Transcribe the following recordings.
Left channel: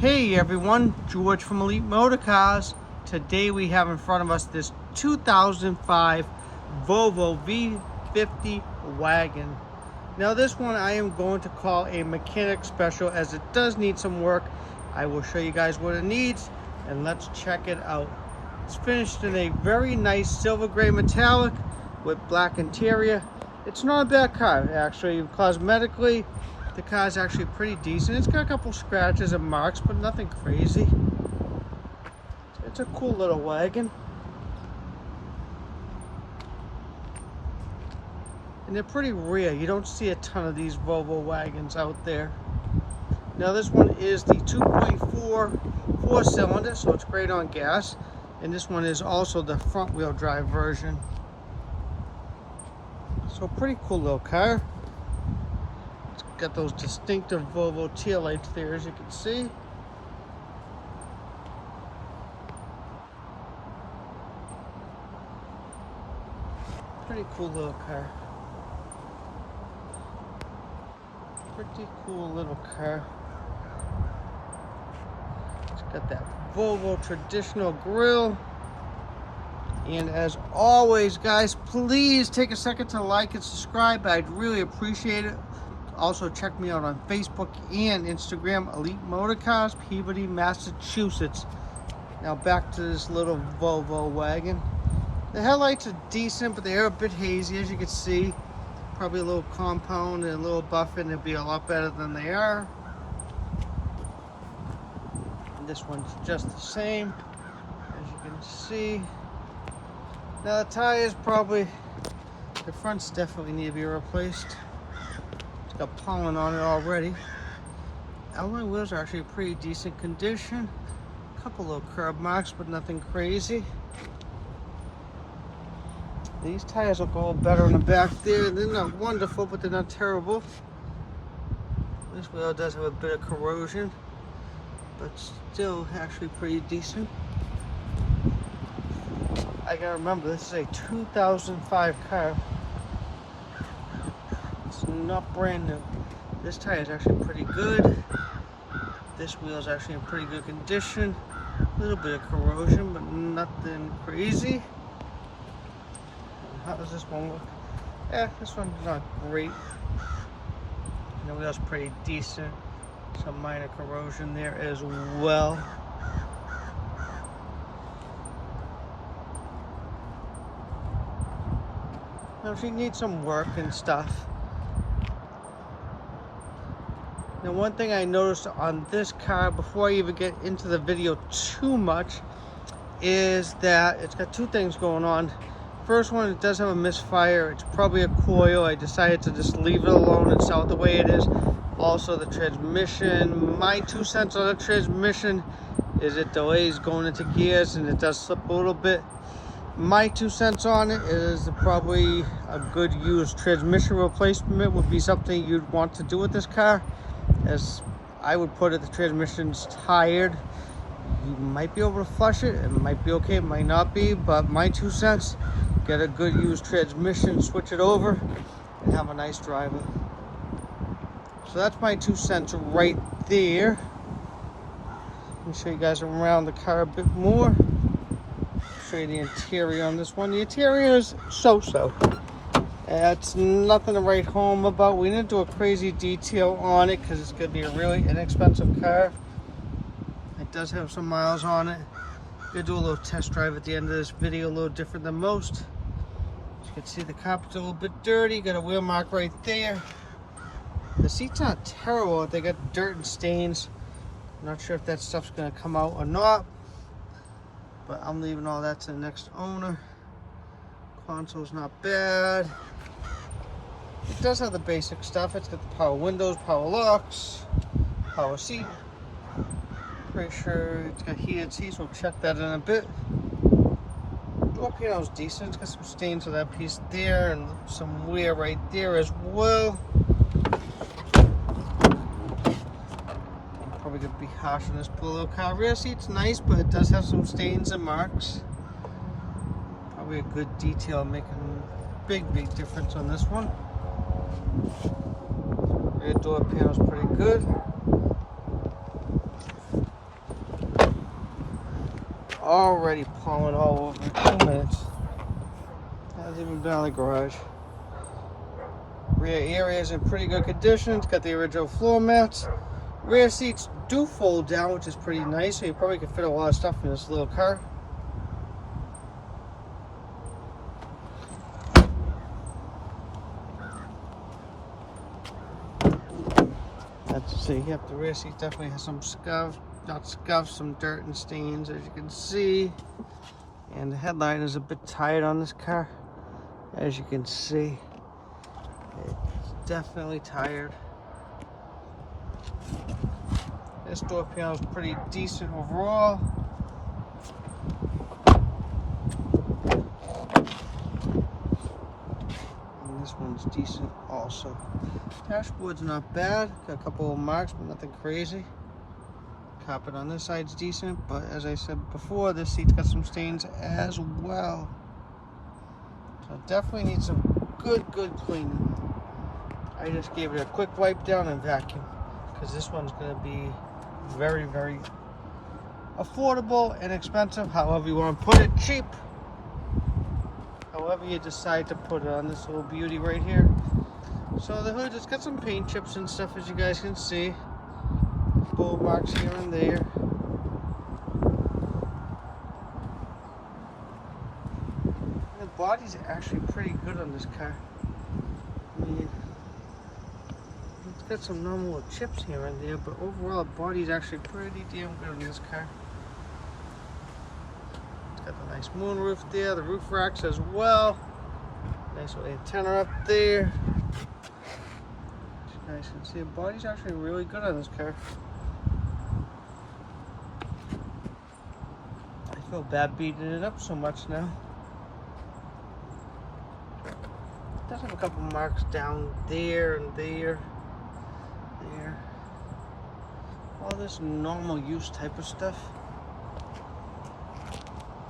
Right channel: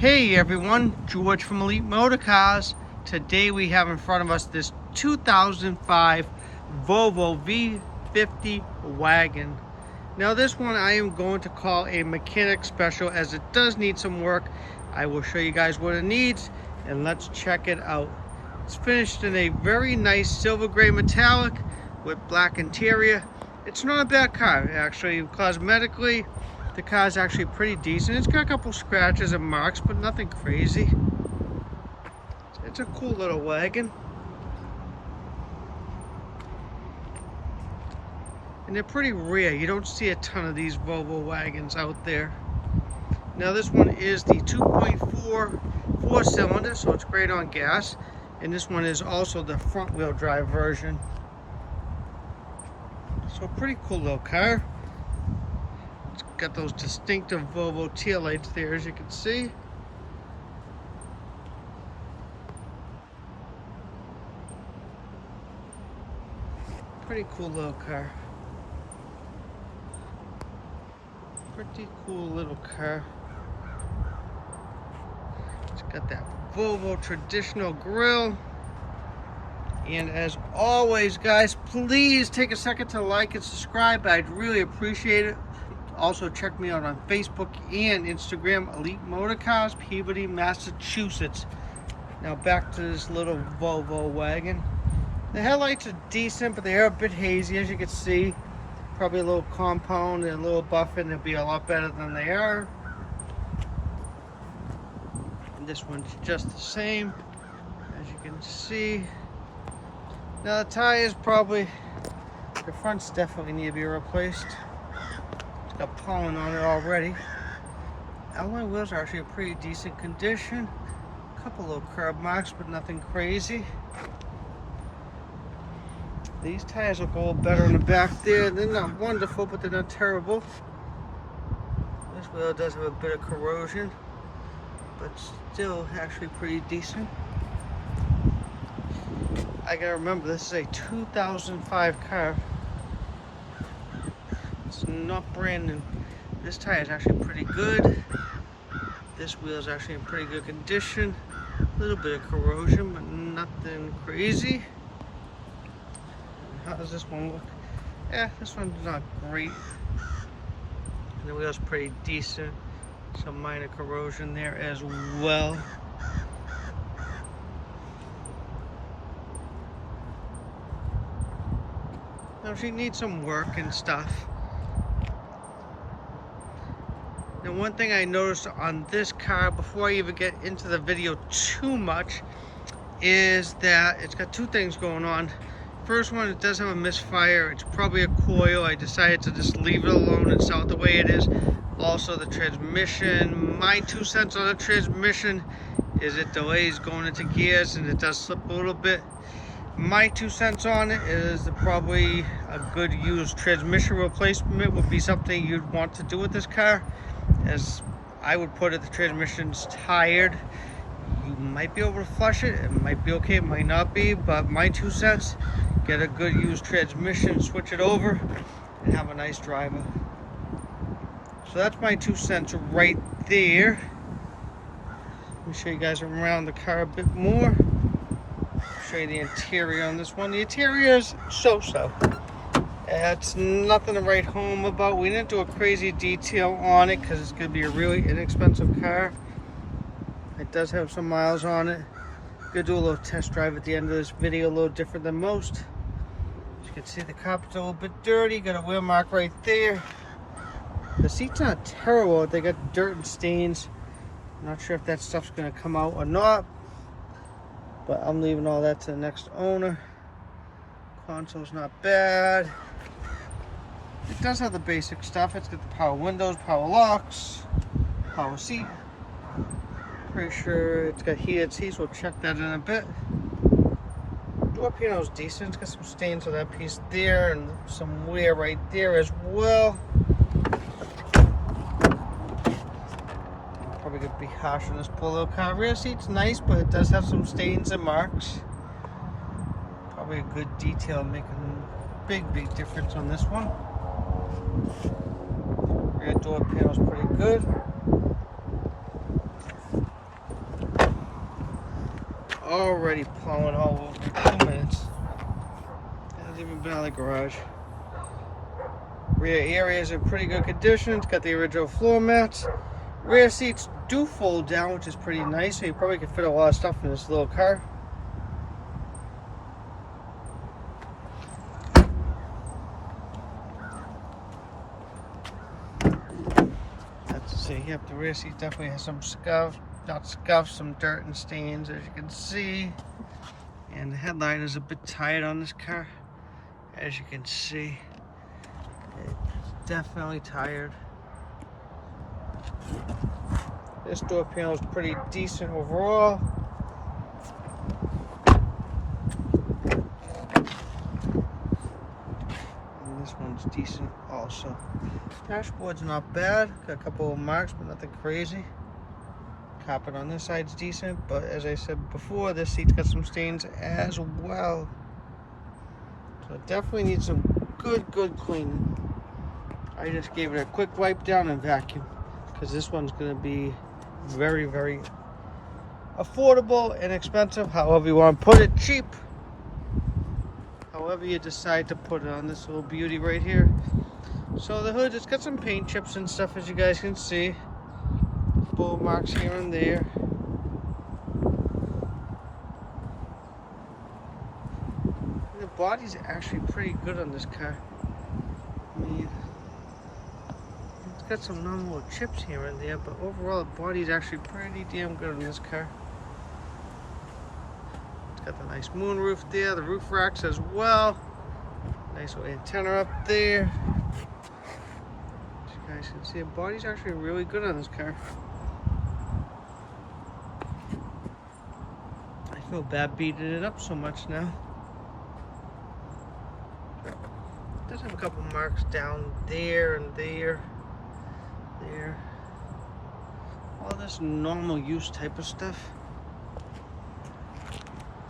Hey everyone, George from Elite Motorcars. Today we have in front of us this 2005 Volvo V50 Wagon. Now this one I am going to call a mechanic special as it does need some work. I will show you guys what it needs and let's check it out. It's finished in a very nice silver gray metallic with black interior. It's not a bad car actually. Cosmetically, the car is actually pretty decent. It's got a couple scratches and marks, but nothing crazy. It's a cool little wagon. And they're pretty rare. You don't see a ton of these Volvo wagons out there. Now this one is the 2.4 4-cylinder, so it's great on gas. And this one is also the front wheel drive version. So pretty cool little car. It's got those distinctive Volvo tail lights there, as you can see. Pretty cool little car. Pretty cool little car. It's got that Volvo traditional grille. And as always, guys, please take a second to like and subscribe. I'd really appreciate it. Also, check me out on Facebook and Instagram, Elite Motorcars, Peabody, Massachusetts. Now back to this little Volvo wagon. The headlights are decent, but they are a bit hazy, as you can see. Probably a little compound and a little buffing. They'll be a lot better than they are. And this one's just the same, as you can see. Now the tires probably, the fronts definitely need to be replaced. It's got pollen on it already. Alloy wheels are actually in pretty decent condition. A couple little curb marks, but nothing crazy. These tires look a little better in the back there. They're not wonderful, but they're not terrible. This wheel does have a bit of corrosion, but still actually pretty decent. I gotta remember, this is a 2005 car. It's not brand new. This tire is actually pretty good. This wheel is actually in pretty good condition. A little bit of corrosion, but nothing crazy. How does this one look? This one's not great. And the wheel's pretty decent. Some minor corrosion there as well. Now if you need some work and stuff. Now one thing I noticed on this car before I even get into the video too much is that it's got two things going on. First one, it does have a misfire. It's probably a coil. I decided to just leave it alone and sell it the way it is. Also the transmission, my 2 cents on the transmission is it delays going into gears and it does slip a little bit. My 2 cents on it is probably a good used transmission replacement would be something you'd want to do with this car. As I would put it, the transmission's tired. You might be able to flush it. It might be okay, it might not be, but my 2 cents, get a good used transmission, switch it over, and have a nice driver. So that's my 2 cents right there. Let me show you guys around the car a bit more. Show you the interior on this one. The interior is so-so. It's nothing to write home about. We didn't do a crazy detail on it because it's going to be a really inexpensive car. It does have some miles on it. Gonna do a little test drive at the end of this video, a little different than most. As you can see, the carpet's a little bit dirty. Got a wheel mark right there. The seat's not terrible. They got dirt and stains. I'm not sure if that stuff's gonna come out or not, but I'm leaving all that to the next owner. Console's not bad. It does have the basic stuff. It's got the power windows, power locks, power seat. Pretty sure it's got heated seats. We'll check that in a bit. Door piano's decent. It's got some stains on that piece there and some wear right there as well. Probably gonna be harsh on this poor little car. Rear seat's nice, but it does have some stains and marks. Probably a good detail, making a big difference on this one. Rear door panel's pretty good. already plowing all over 2 minutes. Hasn't even been out of the garage. Rear area is in pretty good condition. It's got the original floor mats. Rear seats do fold down, which is pretty nice, so you probably can fit a lot of stuff in this little car. Let's see, yep, the rear seat definitely has some scuff, not scuff, some dirt and stains, as you can see. And the headlight is a bit tight on this car, as you can see. It's definitely tired. This door panel is pretty decent overall. And this one's decent also. Dashboard's not bad. Got a couple of marks, but nothing crazy. Carpet on this side's decent, but as I said before, this seat's got some stains as well. So it definitely needs some good cleaning. I just gave it a quick wipe down and vacuum, because this one's going to be very affordable and expensive, however you want to put it. Cheap, however you decide to put it on this little beauty right here. So the hood, it's got some paint chips and stuff, as you guys can see. Bullet marks here and there. The body's actually pretty good on this car. I mean, it's got some normal chips here and there, but overall the body's actually pretty damn good on this car. It's got the nice moonroof there, the roof racks as well. Nice little antenna up there. As you guys can see, the body's actually really good on this car. I feel bad beating it up so much now. It does have a couple marks down there and there. All this normal use type of stuff.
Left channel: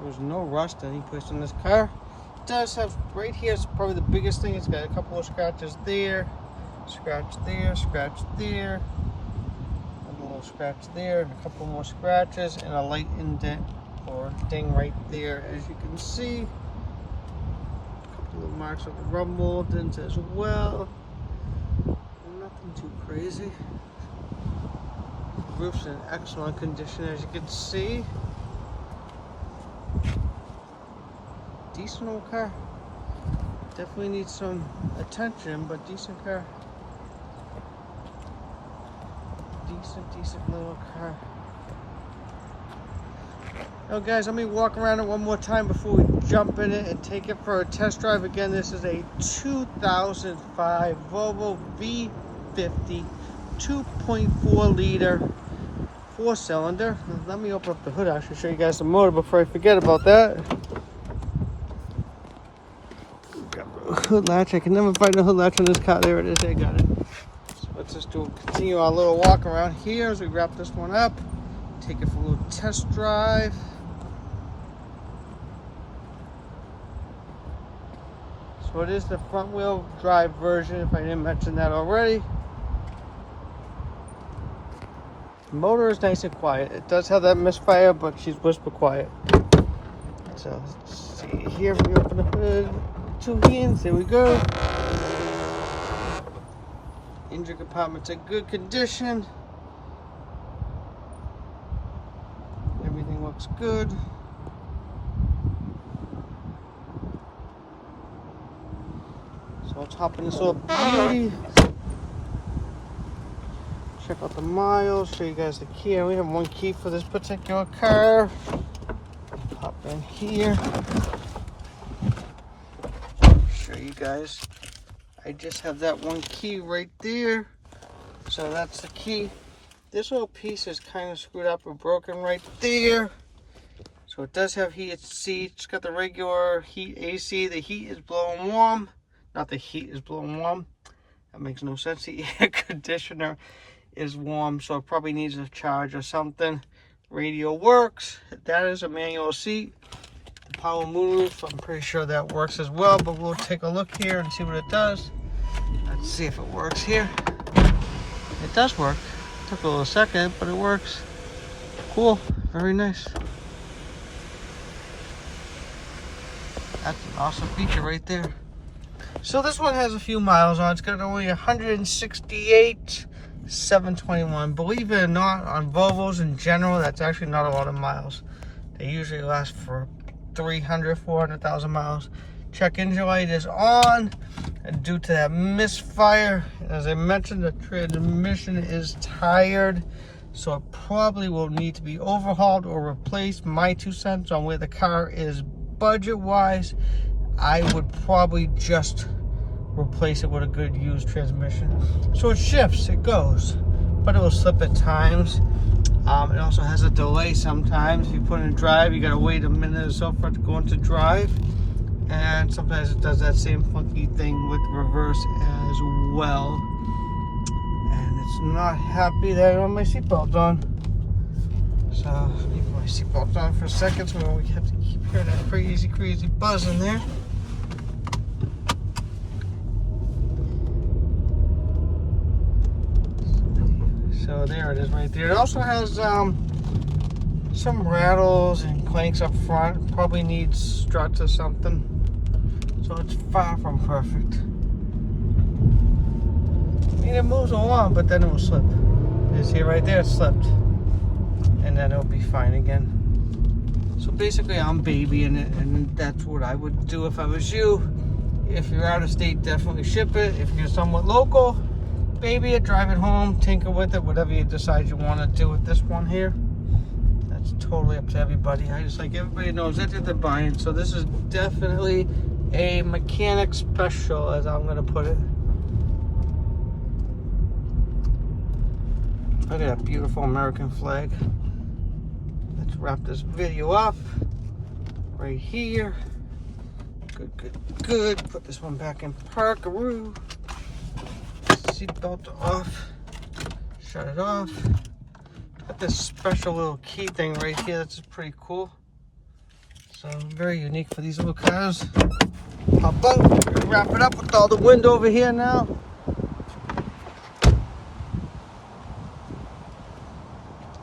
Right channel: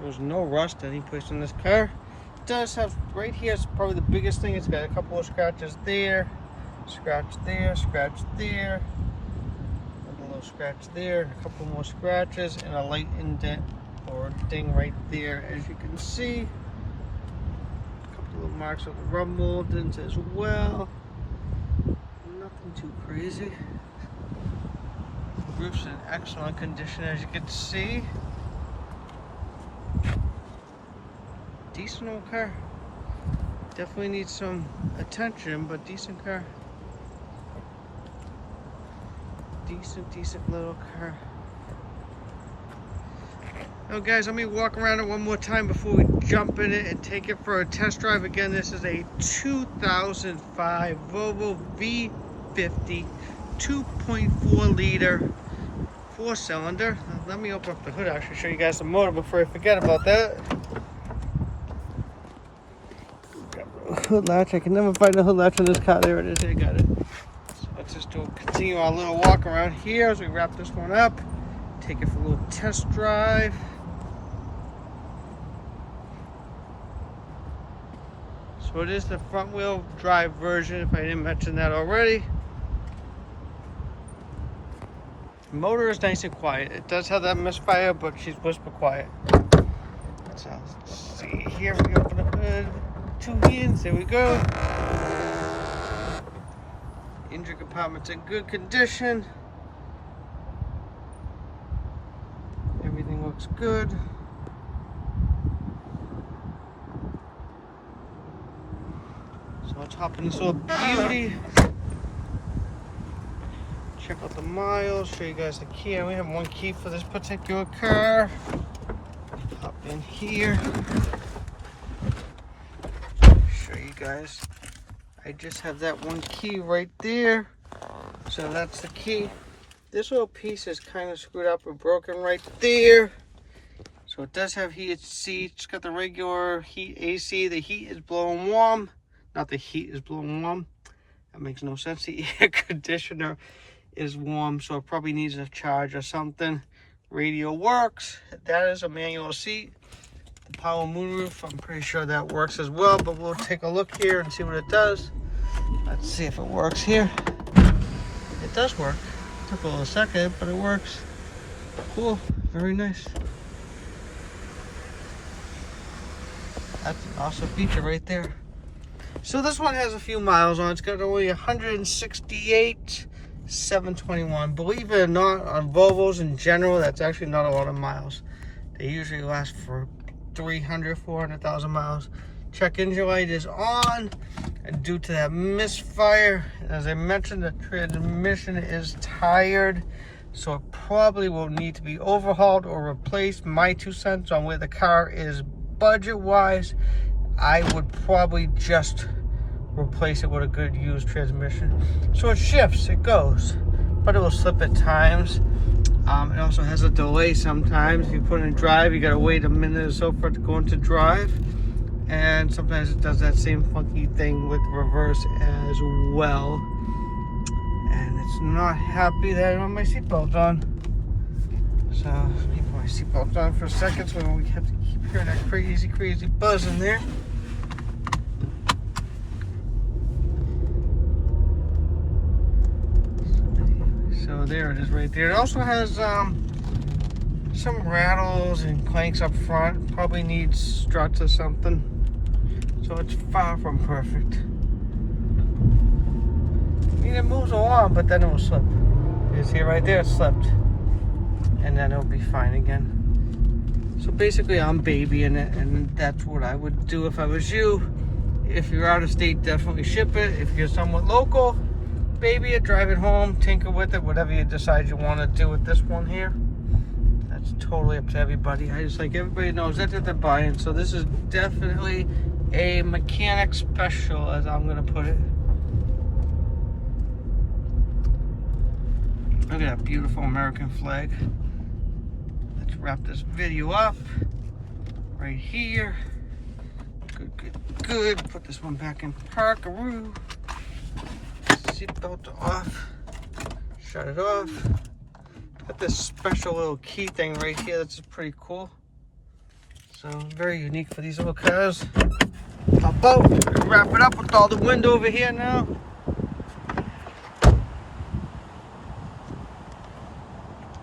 There's no rust any place in this car. It does have, right here is probably the biggest thing. It's got a couple of scratches there, scratch there, scratch there, a little scratch there, and a couple more scratches, and a light indent or ding right there, as you can see. A couple of marks on the rub moldings as well. Nothing too crazy. The roof's in excellent condition, as you can see. Decent old car. Definitely needs some attention, but decent car. Decent little car. Now guys, let me walk around it one more time before we jump in it and take it for a test drive. Again, this is a 2005 Volvo V50 2.4 liter 4-cylinder. Let me open up the hood, actually show you guys the motor before I forget about that. Hood latch, I can never find the hood latch on this car. There it is, I got it. So let's just continue our little walk around here as we wrap this one up. Take it for a little test drive. So it is the front wheel drive version, if I didn't mention that already. The motor is nice and quiet. It does have that misfire, but she's whisper quiet. So let's see here, we open the hood. 2 hands, here we go. Engine compartment's in good condition. Everything looks good. So let's hop in this little beauty. Check out the miles, show you guys the key. We have one key for this particular car. Hop in here. Show you guys. I just have that one key right there. So that's the key. This little piece is kind of screwed up or broken right there. So it does have heated seats. It's got the regular heat AC. The heat is blowing warm. Not the heat is blowing warm. That makes no sense. The air conditioner is warm, so it probably needs a charge or something. Radio works. That is a manual seat. The power moonroof, I'm pretty sure that works as well, but we'll take a look here and see what it does. Let's see if it works here. It does work. Took a little second, but it works. Cool, very nice. That's an awesome feature right there. So this one has a few miles on. It's got only 168,721. Believe it or not, on Volvos in general, that's actually not a lot of miles. They usually last for 300, 400,000 miles. Check engine light is on, and due to that misfire, as I mentioned, the transmission is tired, so it probably will need to be overhauled or replaced. My 2 cents on where the car is budget-wise, I would probably just replace it with a good used transmission. So it shifts, it goes, but it will slip at times. It also has a delay sometimes. If you put it in drive, you gotta wait a minute or so for it to go into drive. And sometimes it does that same funky thing with reverse as well. And it's not happy that I don't have my seatbelt on. So, let me put my seatbelt on for a second so we have to keep hearing that crazy buzz in there. So there it is right there. It also has some rattles and clanks up front. Probably needs struts or something. So it's far from perfect. I mean, it moves along, but then it will slip. You see it right there, it slipped. And then it'll be fine again. So basically I'm babying it, and that's what I would do if I was you. If you're out of state, definitely ship it. If you're somewhat local, baby it, drive it home, tinker with it, whatever you decide you want to do with this one here. That's totally up to everybody. I just like everybody knows that's what they're buying. So this is definitely a mechanic special, as I'm gonna put it. Look at that beautiful American flag. Let's wrap this video up right here. Good. Put this one back in parkaroo. Seatbelt off. Shut it off. Got this special little key thing right here that's pretty cool. So very unique for these little cars. Pop out, wrap it up with all the wind over here now.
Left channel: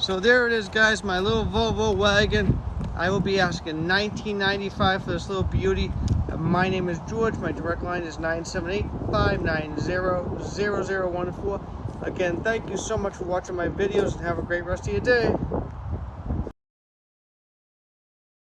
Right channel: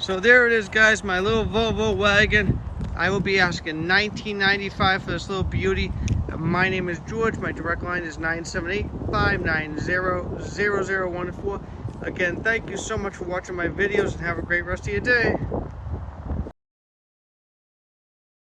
So there it is, guys, my little Volvo wagon. I will be asking $19.95 for this little beauty. My name is George. My direct line is 978-590-0014. Again, thank you so much for watching my videos, and have a great rest of your day.